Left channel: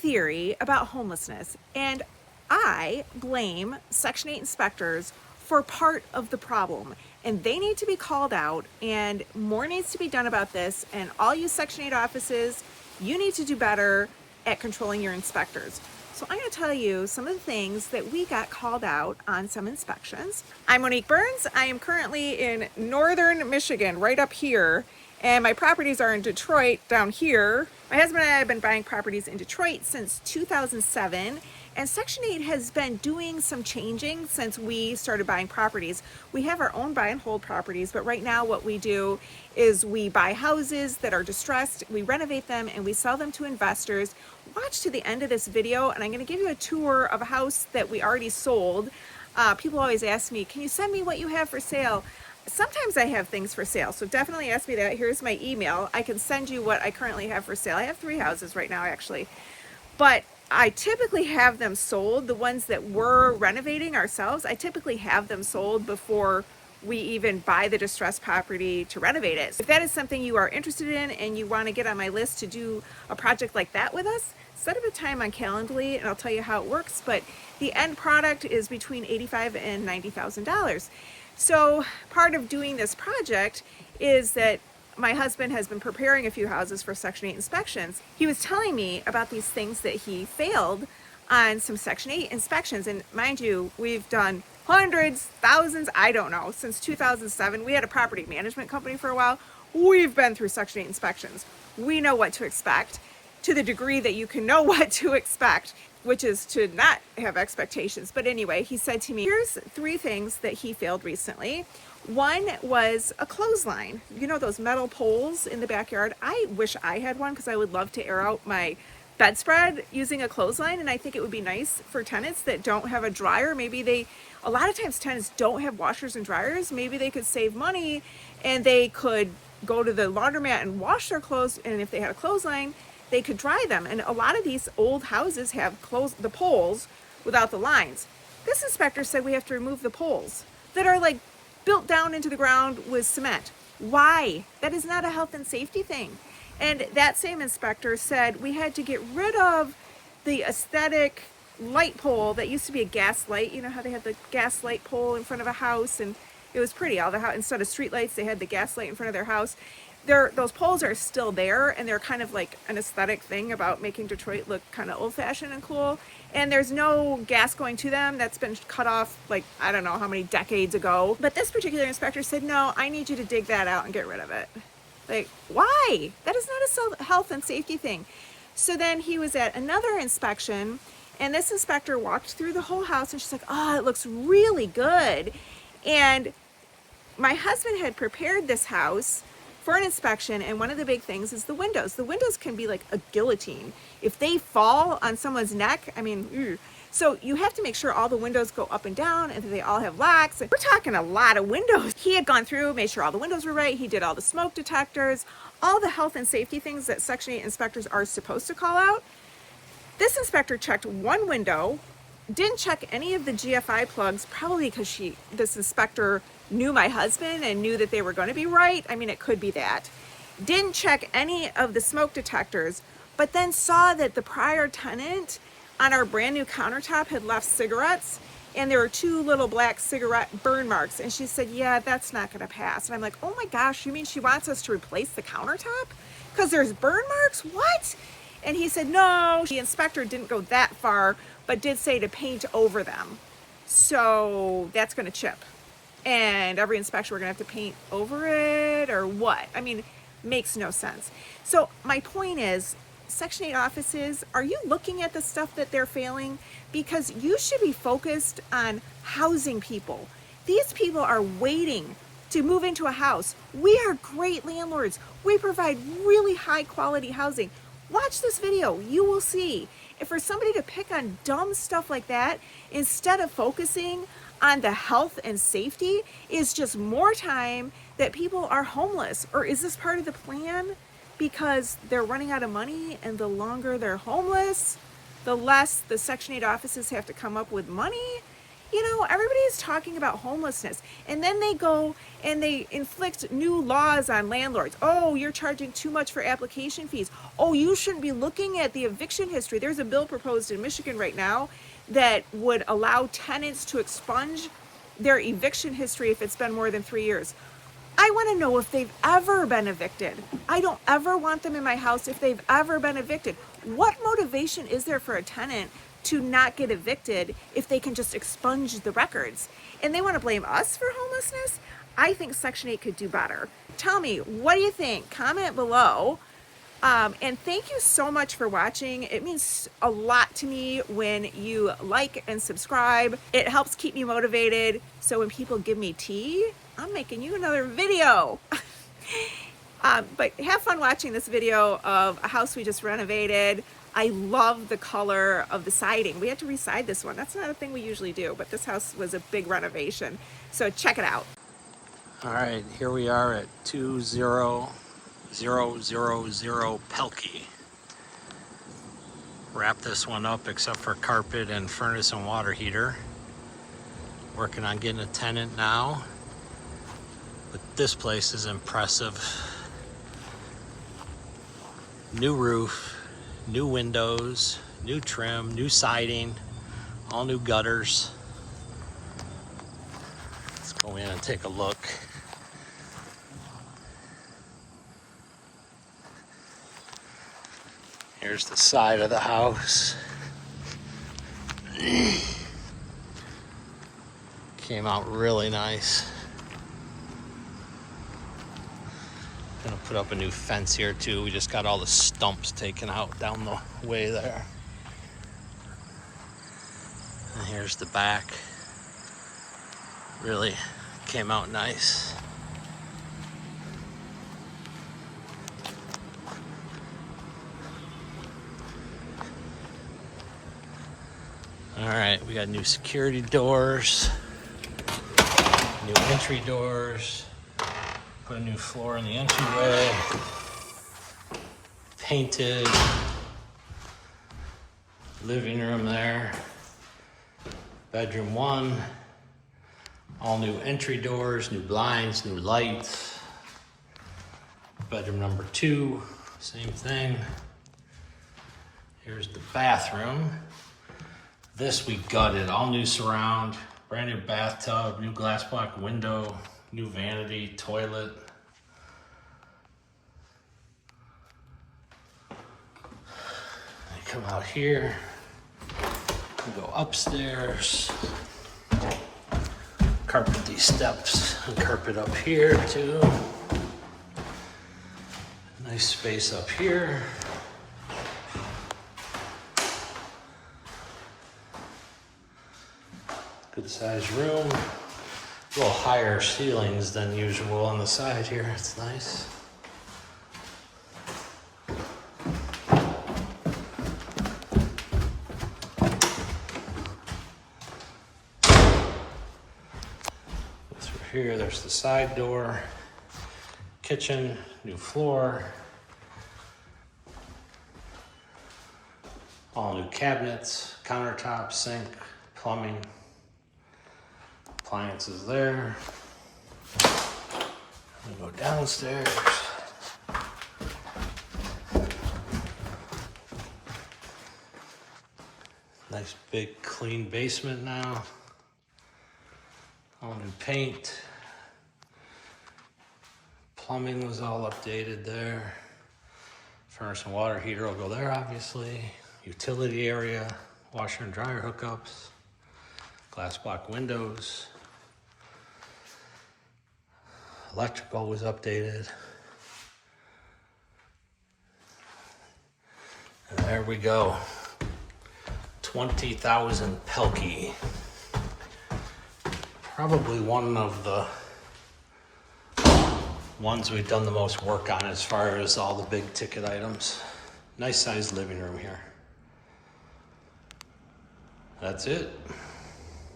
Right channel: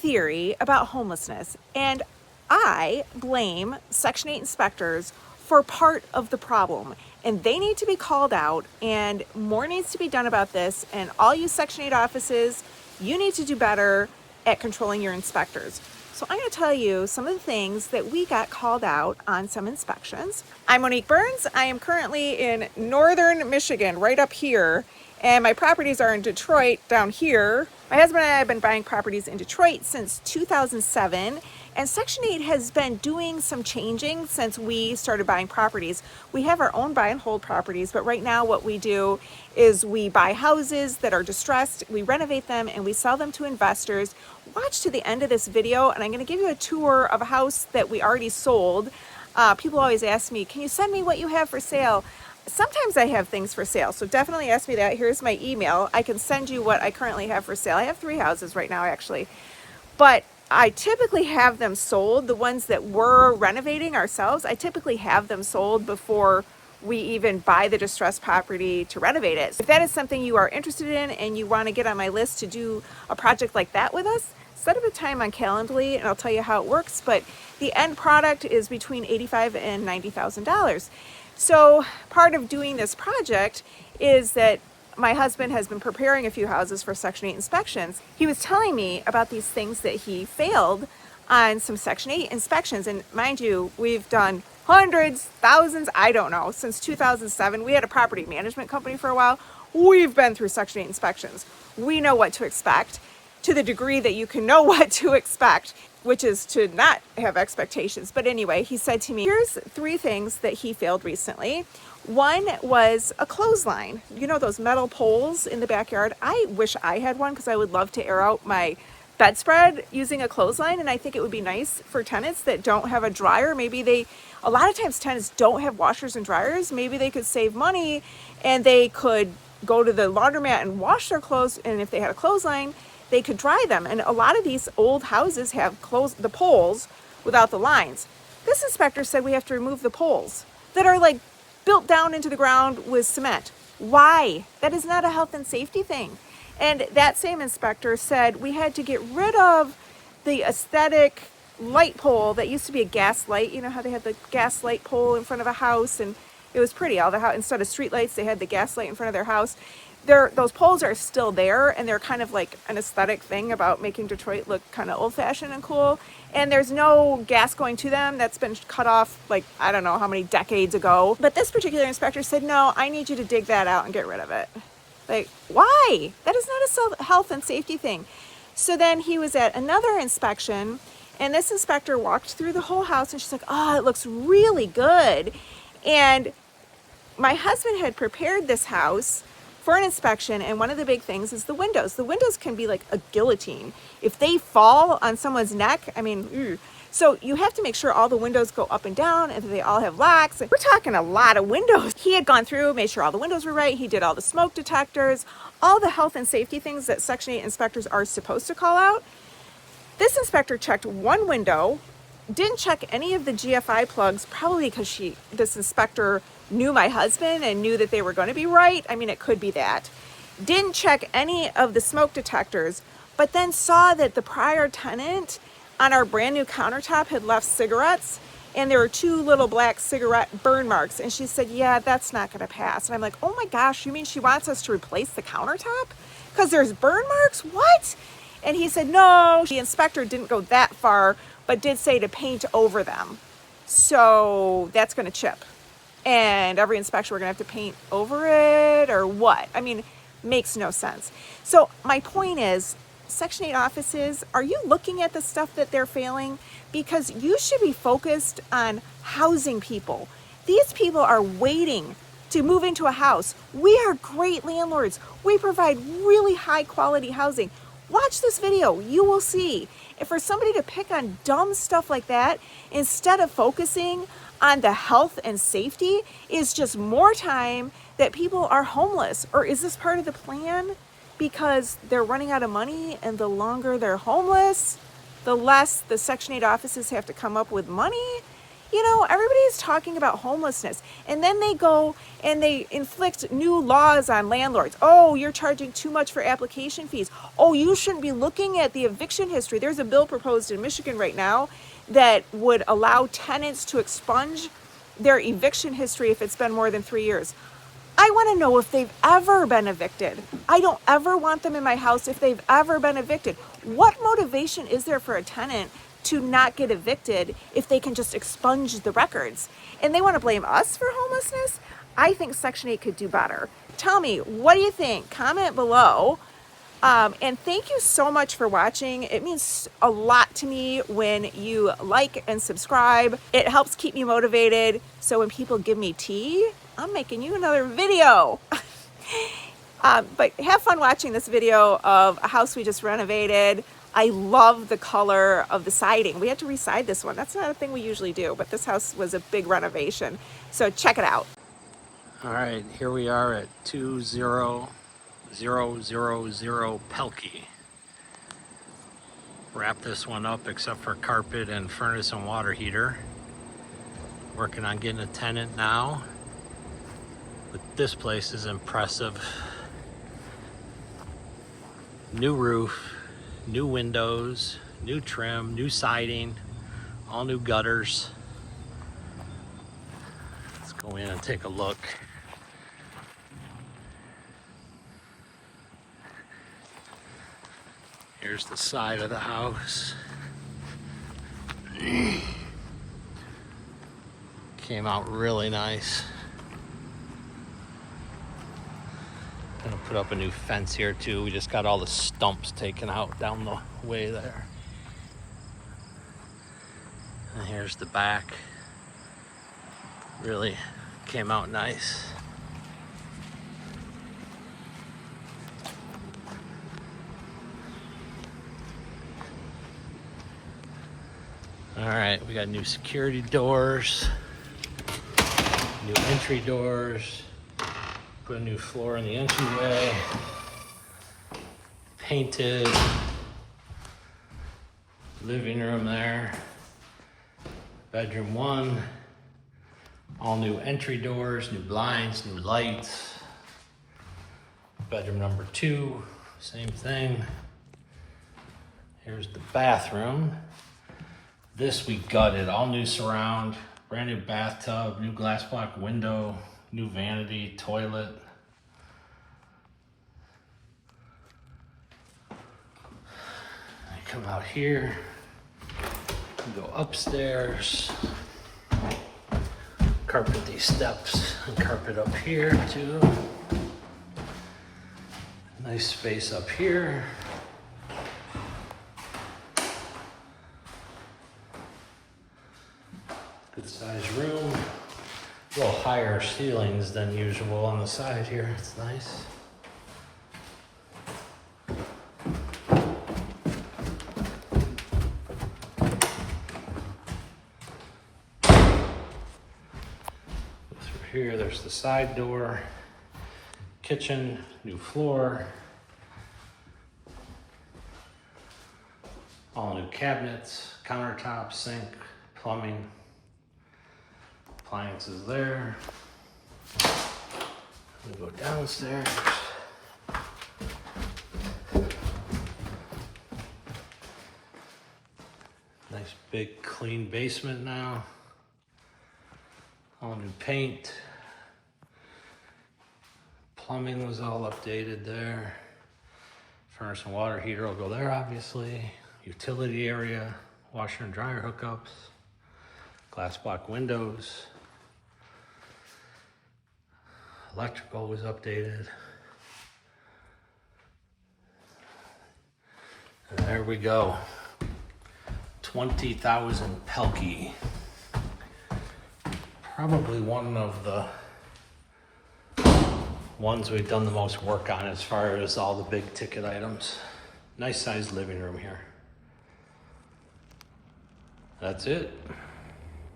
theory about homelessness, and I blame Section 8 inspectors for part of the problem. And they need to be called out, and more needs to be done about this. And all you Section 8 offices, you need to do better at controlling your inspectors. So I'm going to tell you some of the things that we got called out on some inspections. I'm Monique Burns. I am currently in northern Michigan, right up here. And my properties are in Detroit down here. My husband and I have been buying properties in Detroit since 2007. And Section 8 has been doing some changing since we started buying properties. We have our own buy and hold properties, but right now what we do is we buy houses that are distressed, we renovate them, and we sell them to investors. Watch to the end of this video, and I'm going to give you a tour of a house that we already sold. People always ask me, can you send me what you have for sale? Sometimes I have things for sale, so definitely ask me that. Here's my email. I can send you what I currently have for sale. I have 3 houses right now, actually. But I typically have them sold. The ones that we're renovating ourselves, I typically have them sold before we even buy the distressed property to renovate it. If that is something you are interested in and you want to get on my list to do a project like that with us, set up a time on Calendly and I'll tell you how it works. But the end product is between $85,000 and $90,000. So part of doing this project is that my husband has been preparing a few houses for Section 8 inspections. He was telling me about these things that he failed on some Section 8 inspections. And mind you, we've done hundreds, thousands, I don't know, since 2007. We had a property management company for a while. We've been through Section 8 inspections. We know what to expect to the degree that you can know what to expect, which is to not have expectations. But anyway, he said to me, here's 3 things that he failed recently. One was a clothesline. You know those metal poles in the backyard? I wish I had one because I would love to air out my bedspread using a clothesline, and I think it would be nice for tenants that don't have a dryer. Maybe a lot of times tenants don't have washers and dryers. Maybe they could save money and they could go to the laundromat and wash their clothes, and if they had a clothesline, they could dry them. And a lot of these old houses have the poles without the lines. This inspector said we have to remove the poles that are like built down into the ground with cement. Why? That is not a health and safety thing. And that same inspector said we had to get rid of the aesthetic light pole that used to be a gas light. You know how they have the gas light pole in front of a house, and it was pretty. Instead of street lights, they had the gas light in front of their house. Those poles are still there, and they're kind of like an aesthetic thing about making Detroit look kind of old-fashioned and cool. And there's no gas going to them. That's been cut off, like, I don't know how many decades ago. But this particular inspector said, no, I need you to dig that out and get rid of it. Like, why? That is not a health and safety thing. So then he was at another inspection, and this inspector walked through the whole house, and she's like, oh, it looks really good. And my husband had prepared this house for an inspection, and one of the big things is the windows. The windows can be like a guillotine. If they fall on someone's neck, I mean, so you have to make sure all the windows go up and down and they all have locks. We're talking a lot of windows. He had gone through, made sure all the windows were right. He did all the smoke detectors, all the health and safety things that Section 8 inspectors are supposed to call out. This inspector checked one window, didn't check any of the GFI plugs, probably because this inspector knew my husband and knew that they were going to be right. I mean, it could be that. Didn't check any of the smoke detectors, but then saw that the prior tenant on our brand new countertop had left cigarettes, and there were 2 little black cigarette burn marks. And she said, yeah, that's not going to pass. And I'm like, oh my gosh, you mean she wants us to replace the countertop because there's burn marks? What? And he said, no, the inspector didn't go that far, but did say to paint over them. So that's going to chip. And every inspection we're going to have to paint over it, or what? I mean, makes no sense. So my point is, Section 8 offices, are you looking at the stuff that they're failing? Because you should be focused on housing people. These people are waiting to move into a house. We are great landlords. We provide really high quality housing. Watch this video. You will see. If for somebody to pick on dumb stuff like that, instead of focusing on the health and safety, is just more time that people are homeless. Or is this part of the plan? Because they're running out of money, and the longer they're homeless, the less the Section 8 offices have to come up with money. You know, everybody's talking about homelessness, and then they go and they inflict new laws on landlords. Oh, you're charging too much for application fees. oh, you shouldn't be looking at the eviction history. There's a bill proposed in Michigan right now that would allow tenants to expunge their eviction history if it's been more than 3 years. I want to know if they've ever been evicted. I don't ever want them in my house if they've ever been evicted. What motivation is there for a tenant to not get evicted if they can just expunge the records? And they want to blame us for homelessness? I think Section 8 could do better. Tell me, what do you think? Comment below. And thank you so much for watching. It means a lot to me when you like and subscribe. It helps keep me motivated. So when people give me tea, I'm making you another video. But have fun watching this video of a house we just renovated. I love the color of the siding. We had to reside this one. That's not a thing we usually do, but this house was a big renovation. So check it out. All right, here we are at 20000 Pelkey. Wrap this one up except for carpet and furnace and water heater. Working on getting a tenant now. But this place is impressive. New roof, new windows, new trim, new siding, all new gutters. Let's go in and take a look. Here's the side of the house. Came out really nice. Gonna put up a new fence here too. We just got all the stumps taken out down the way there. And here's the back. Really came out nice. All right, we got new security doors, new entry doors, put a new floor in the entryway, painted living room there, bedroom 1, all new entry doors, new blinds, new lights, bedroom number 2, same thing. Here's the bathroom. This we gutted, all new surround, brand new bathtub, new glass block window, new vanity, toilet. I come out here, we go upstairs, carpet these steps, and carpet up here too. Nice space up here. Good sized room. A little higher ceilings than usual on the side here. It's nice. Through here, there's the side door, kitchen, new floor, all new cabinets, countertops, sink, plumbing. Appliances there. We'll go downstairs. Nice big clean basement now. All new paint. Plumbing was all updated there. Furnace and water heater will go there obviously. Utility area, washer and dryer hookups. Glass block windows. Electrical was updated. And there we go. 20,000 Pelkey. Probably one of the ones we've done the most work on as far as all the big ticket items. Nice sized living room here. That's it.